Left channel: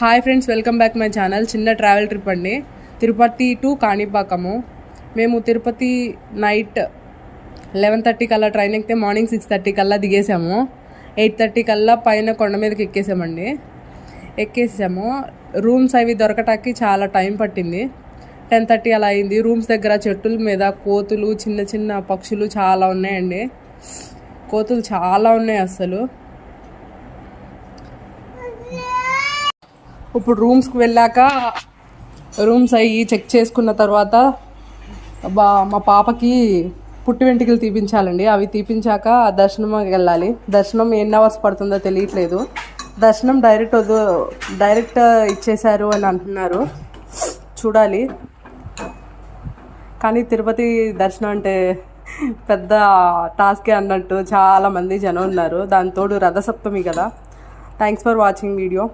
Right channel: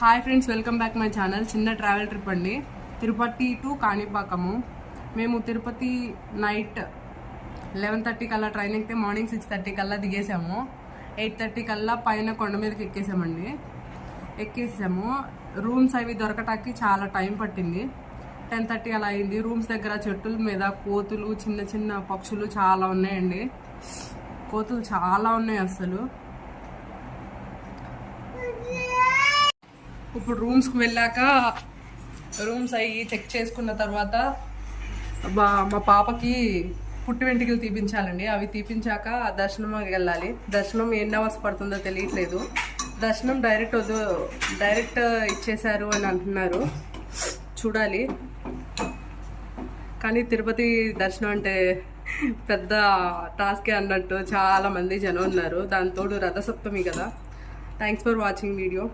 Hi friends, welcome back my channel. చిన్న travel trip అండి. Tirupati to Kanipakam. మేము తిరుపతి నైట్ 11:30 కల్లా ట్రైన్ ఎక్కితే మార్నింగ్ 6:30 కల్లా దిగేసాము. 8:30 కల్లా పైన కొండ మీదకి ఎక్కేసాము. రూమ్స్ అవి దొరకటానికి చాలా టైం పట్టింది. 10:30 అలా అయింది. రూమ్స్ దగ్గర చెట్టుల మీద కోతులు, చిన్న చిన్న పక్షులు చాలా ఉన్నాయండి. కోతులు చాలా ఉన్నాయి అసలు. ఇప్పుడు రూమ్స్కి వెళ్ళాక రూమ్స్ అయ్యి చెక్ చేసుకున్న తర్వాత మా పాపకి పుట్టి వెంట్రుకలు తీపించాలండి. అవి తీపించాక దర్శనంకి వెళ్ళాలి. దర్శనం ఎన్ని అవర్స్ పడుతుందో తెలియట్లేదు. దర్శనం డైరెక్ట్ ఇచ్చేశారు అని అంటున్నారు, చూడాలి. కానీ తిరుపతి దర్శనం అంటే పెద్ద టాస్కే అన్నట్టు చాలామంది జనం ఉన్నారు. దాని తోడు రథసప్తమి కదా. Thanks for watching video.